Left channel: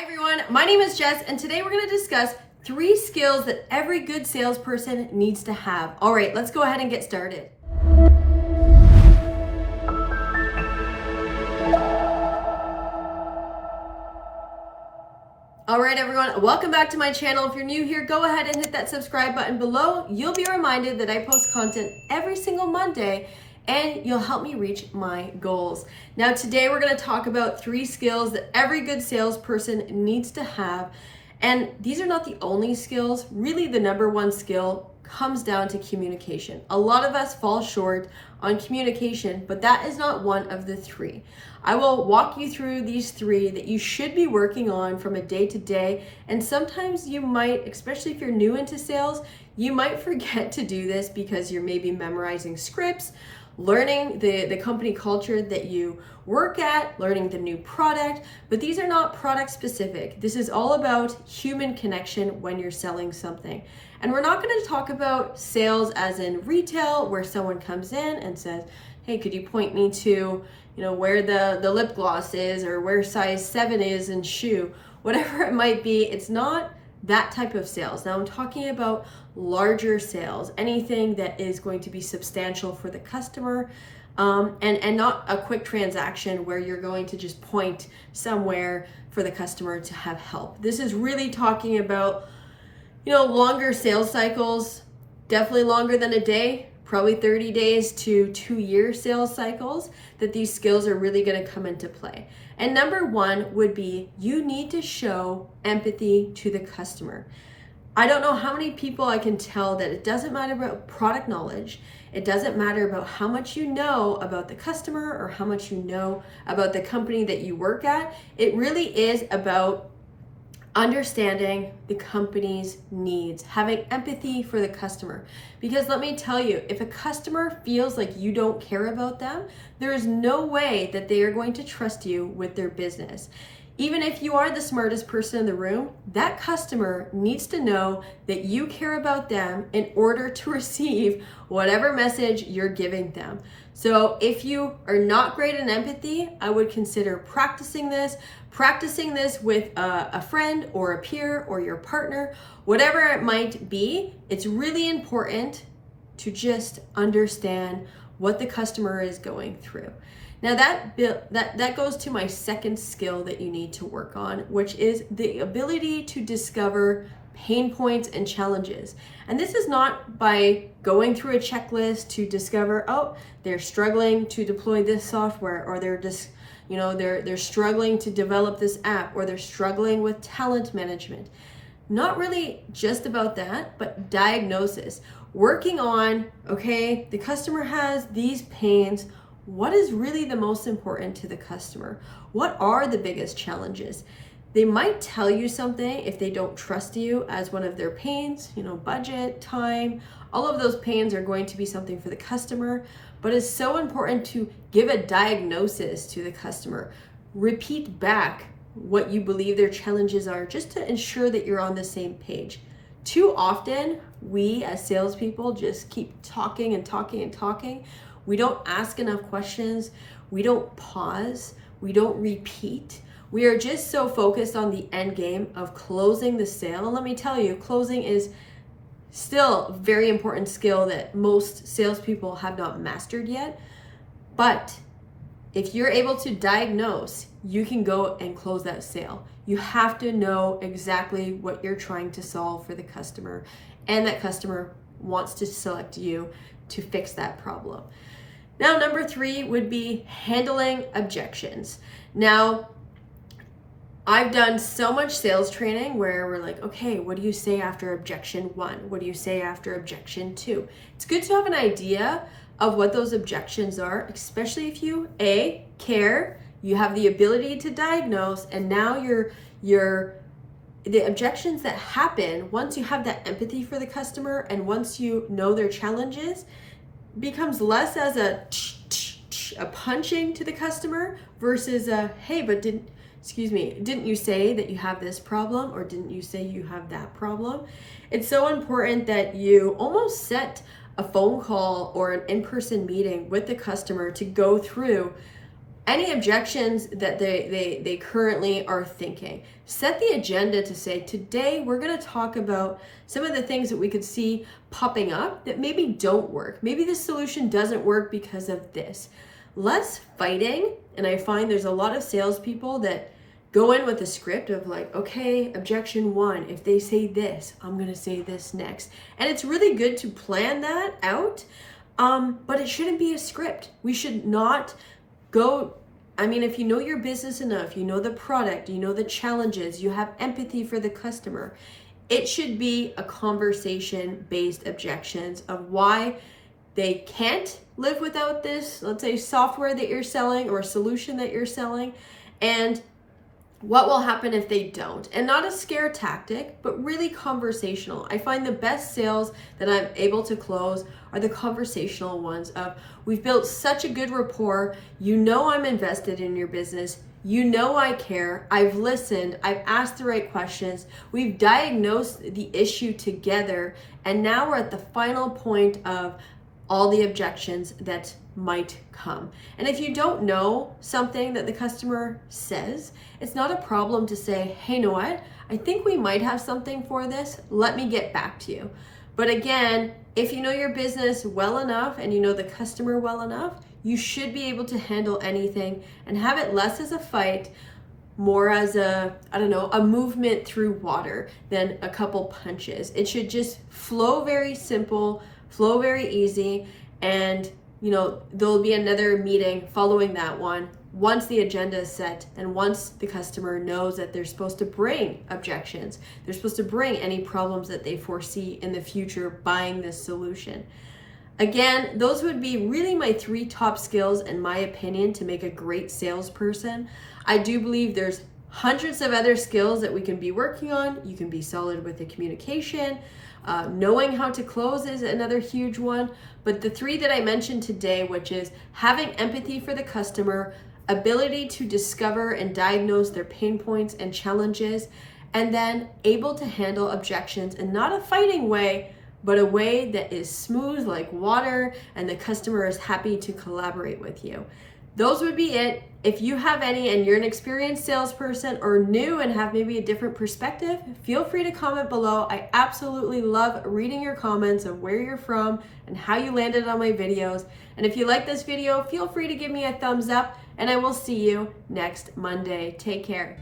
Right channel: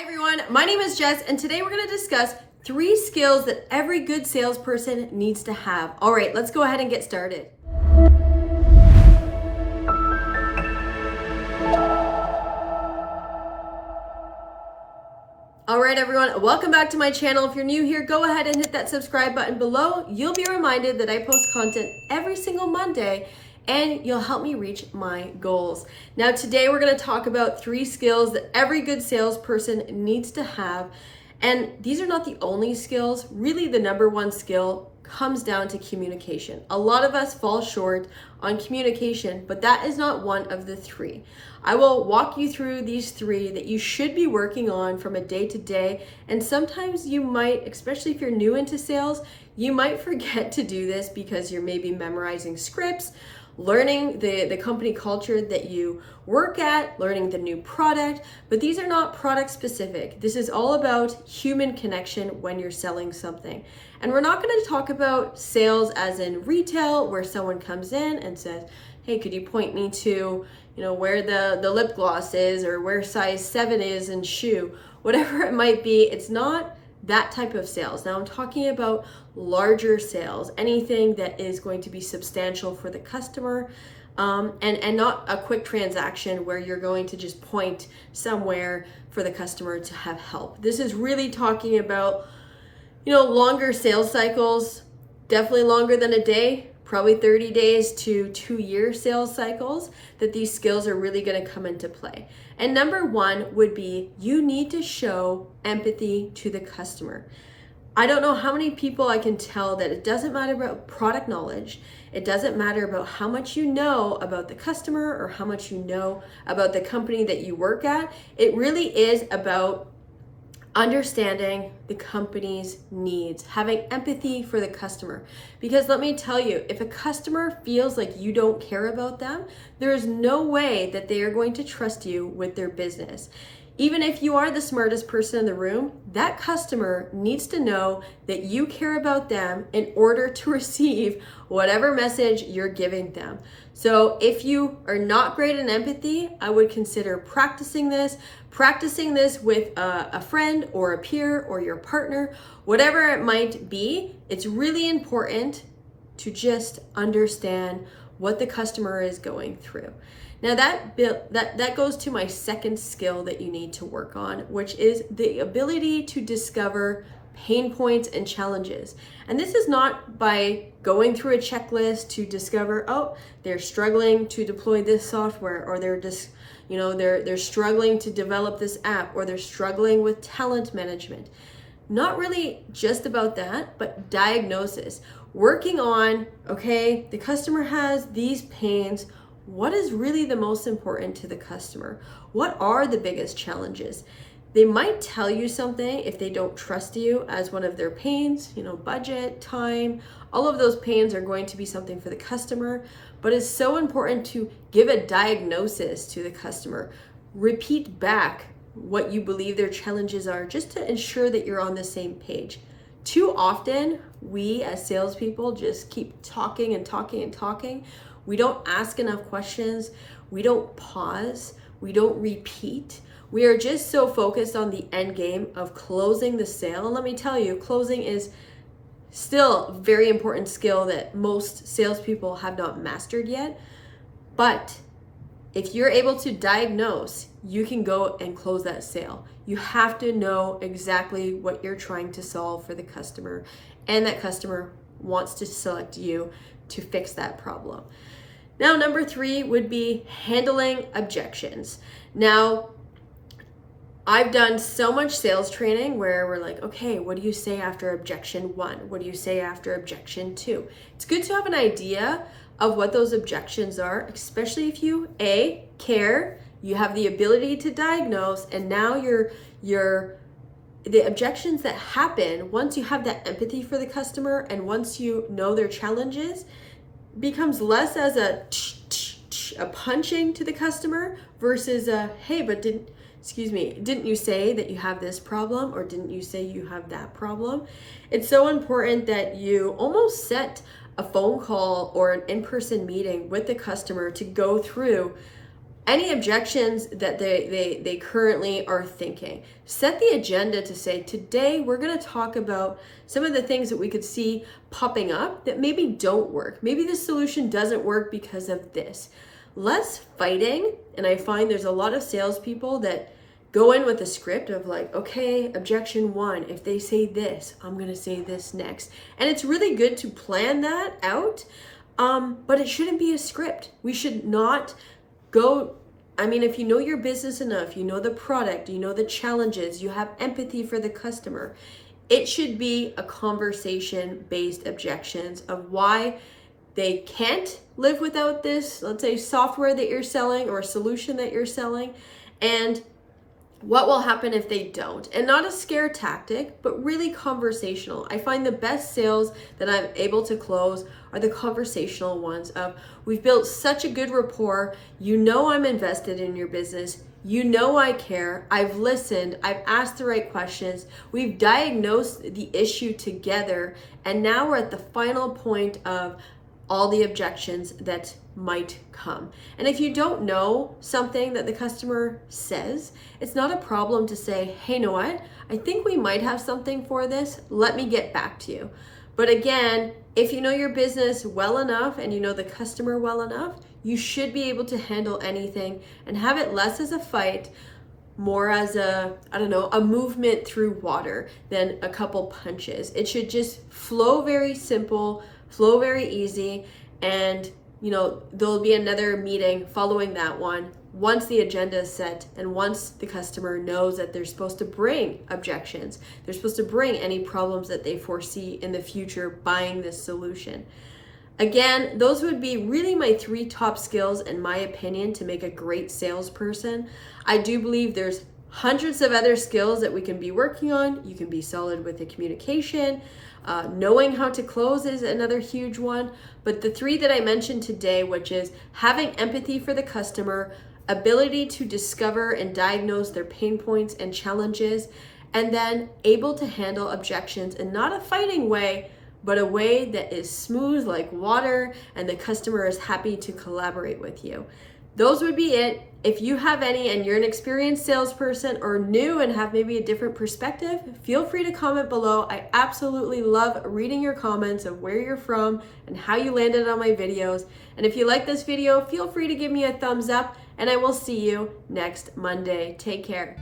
Hi everyone, my name is Jess and today we're going to discuss 3 skills that every good salesperson needs to have. All right, let's go ahead and get started. All right everyone, welcome back to my channel. If you're new here, go ahead and hit that subscribe button below. You'll be reminded that I post content every single Monday and you'll help me reach my goals. Now today we're going to talk about 3 skills that every good salesperson needs to have. And these are not the only skills. Really the number one skill comes down to communication. A lot of us fall short on communication, but that is not one of the 3. I will walk you through these 3 that you should be working on from a day to day. And sometimes you might, especially if you're new into sales, you might forget to do this because you're maybe memorizing scripts, learning the company culture that you work at, learning the new product, but these are not product specific. This is all about human connection when you're selling something. And we're not going to talk about sales as in retail, where someone comes in and says, hey, could you point me to, where the lip gloss is or where size 7 is in shoe, whatever it might be. It's not that type of sales. Now I'm talking about larger sales, anything that is going to be substantial for the customer, and not a quick transaction where you're going to just point somewhere for the customer to have help. This is really talking about, longer sales cycles, definitely longer than a day, probably 30 days to 2-year sales cycles, that these skills are really going to come into play. And number 1 would be you need to show empathy to the customer. I don't know how many people I can tell that it doesn't matter about product knowledge. It doesn't matter about how much you know about the customer or how much you know about the company that you work at. It really is about understanding the company's needs, having empathy for the customer. Because let me tell you, if a customer feels like you don't care about them, there is no way that they are going to trust you with their business. Even if you are the smartest person in the room, that customer needs to know that you care about them in order to receive whatever message you're giving them. So if you are not great in empathy, I would consider practicing this with a friend or a peer or your partner, whatever it might be. It's really important to just understand what the customer is going through. Now that goes to my second skill that you need to work on, which is the ability to discover pain points and challenges. And this is not by going through a checklist to discover, oh, they're struggling to deploy this software, or they're just, they're struggling to develop this app, or they're struggling with talent management. Not really just about that, but diagnosis. Working on, okay, the customer has these pains. What is really the most important to the customer? What are the biggest challenges? They might tell you something if they don't trust you as one of their pains, budget, time, all of those pains are going to be something for the customer, but it's so important to give a diagnosis to the customer. Repeat back what you believe their challenges are, just to ensure that you're on the same page. Too often, we as salespeople just keep talking and talking and talking. We don't ask enough questions. We don't pause. We don't repeat. We are just so focused on the end game of closing the sale. And let me tell you, closing is still a very important skill that most salespeople have not mastered yet. But if you're able to diagnose, you can go and close that sale. You have to know exactly what you're trying to solve for the customer, and that customer wants to select you to fix that problem. Now, number 3 would be handling objections. Now, I've done so much sales training where we're like, okay, what do you say after objection 1? What do you say after objection 2? It's good to have an idea of what those objections are, especially if you care, you have the ability to diagnose, and now the objections that happen once you have that empathy for the customer and once you know their challenges becomes less as a punching to the customer versus a, hey, but didn't you say that you have this problem, or didn't you say you have that problem? It's so important that you almost set a phone call or an in-person meeting with the customer to go through any objections that they currently are thinking. Set the agenda to say, today we're going to talk about some of the things that we could see popping up that maybe don't work. Maybe this solution doesn't work because of this. Less fighting, and I find there's a lot of salespeople that go in with a script of like, okay, objection one, if they say this, I'm going to say this next. And it's really good to plan that out, but it shouldn't be a script. We should not go, I mean, if you know your business enough, you know the product, you know the challenges, you have empathy for the customer, it should be a conversation-based objections of why they can't live without this, let's say, software that you're selling or a solution that you're selling, and what will happen if they don't. And not a scare tactic, but really conversational. I find the best sales that I'm able to close are the conversational ones of, we've built such a good rapport, you know I'm invested in your business, you know I care, I've listened, I've asked the right questions, we've diagnosed the issue together, and now we're at the final point of all the objections that might come. And if you don't know something that the customer says, it's not a problem to say, hey, you know what? I think we might have something for this. Let me get back to you. But again, if you know your business well enough and you know the customer well enough, you should be able to handle anything and have it less as a fight, more as a, I don't know, a movement through water than a couple punches. It should just flow very simple, flow very easy, and you know, there'll be another meeting following that one once the agenda is set and once the customer knows that they're supposed to bring objections, they're supposed to bring any problems that they foresee in the future buying this solution. Again, those would be really my 3 top skills, in my opinion, to make a great salesperson. I do believe there's hundreds of other skills that we can be working on. You can be solid with the communication. Knowing how to close is another huge one. But the 3 that I mentioned today, which is having empathy for the customer, ability to discover and diagnose their pain points and challenges, and then able to handle objections in not a fighting way, but a way that is smooth like water and the customer is happy to collaborate with you. Those would be it. If you have any and you're an experienced salesperson or new and have maybe a different perspective, feel free to comment below. I absolutely love reading your comments of where you're from and how you landed on my videos. And if you like this video, feel free to give me a thumbs up, and I will see you next Monday. Take care.